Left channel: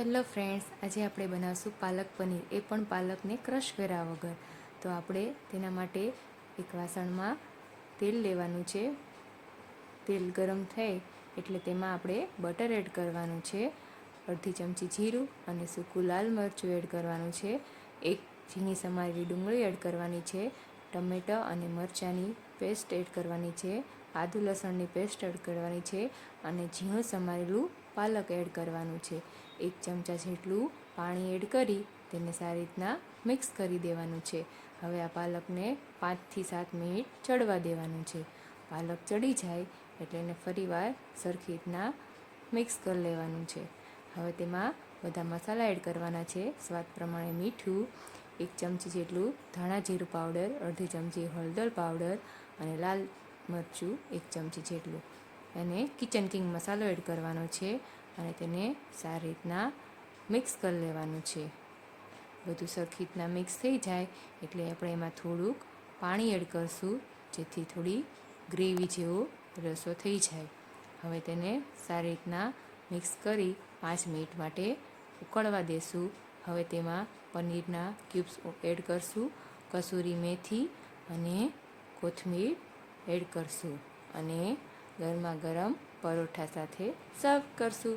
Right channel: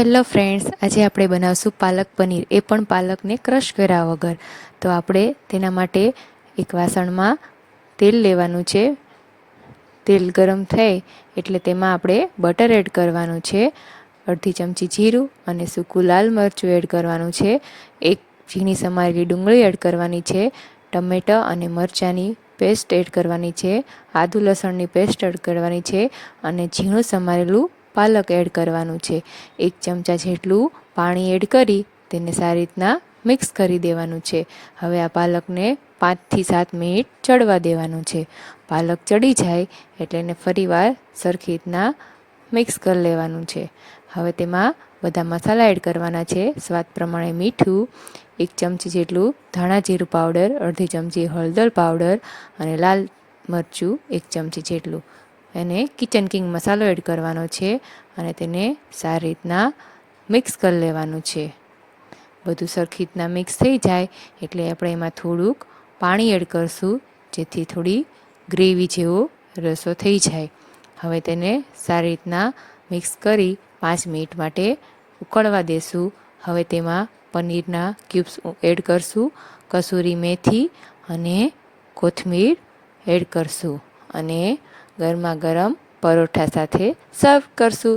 Hello friends, આજે આપણે બનાવશું પાલક પનીર, એ પણ પાલકને ક્રશ કર્યા વગર. તો આપણે તેના માટે એક વાસણમાં તેલ લેવાનું છે. તેલ ગરમ થાય એટલે તેમાં આપણે બટર એડ કરવાનું છે, અડધી ચમચી જીરું અને સૂકું લાલ મરચું એડ કરવાનું છે, એક ઝીણી સમારેલી ડુંગળી એડ કરવાની છે, ટમેટાં અને મરચાંની પેસ્ટ એડ કરવાની છે, આદુ લસણની પેસ્ટ એડ કરવાની છે અને ઝીણું સમારેલું પાલક એડ કરવાનું છે. 1 ચમચા જેટલું પાણી એડ કરી તેને સારી રીતના મિક્સ કરી દેવાનું છે. હવે આ પાલકને 5 થી 7 મિનિટ ચડવા દેવાનું છે. પાલક ચડી જાય એટલે એને ફરીવાર સરખી રીતના મિક્સ કરી લેવાનું છે. હવે તેમાં બધા મસાલા એડ કરવાના છે. સ્વાદ પ્રમાણે મીઠું, 1 ચમચી જેટલું ધાણા જીરું પાવડર, અડધી ચમચી હળદર પાવડર અને લાલ મરચું 1 ચમચી જેટલું. એને કિચન કિંગ મસાલો એડ કરવાનો છે અને તેને સારી રીતના મિક્સ કરી લેવાનું છે. બધું સરખી રીતના મિક્સ થઈ જાય એટલે આપણે એમાં થોડુંક પાણી એડ કરશું, જેથી થોડી ગ્રેવી જેવો રસો થઈ જાય. હવે તેને સારી રીતના મિક્સ કરી 5 મિનિટ માટે ઉકળવા દેશું. હવે તેમાં પનીરના ક્યુબ્સ એડ કરશું, કસૂરી મેથી અને કોથમીર એડ કરશું અને ગરમા ગરમ પરોઠા સાથે સર્વ કરશું.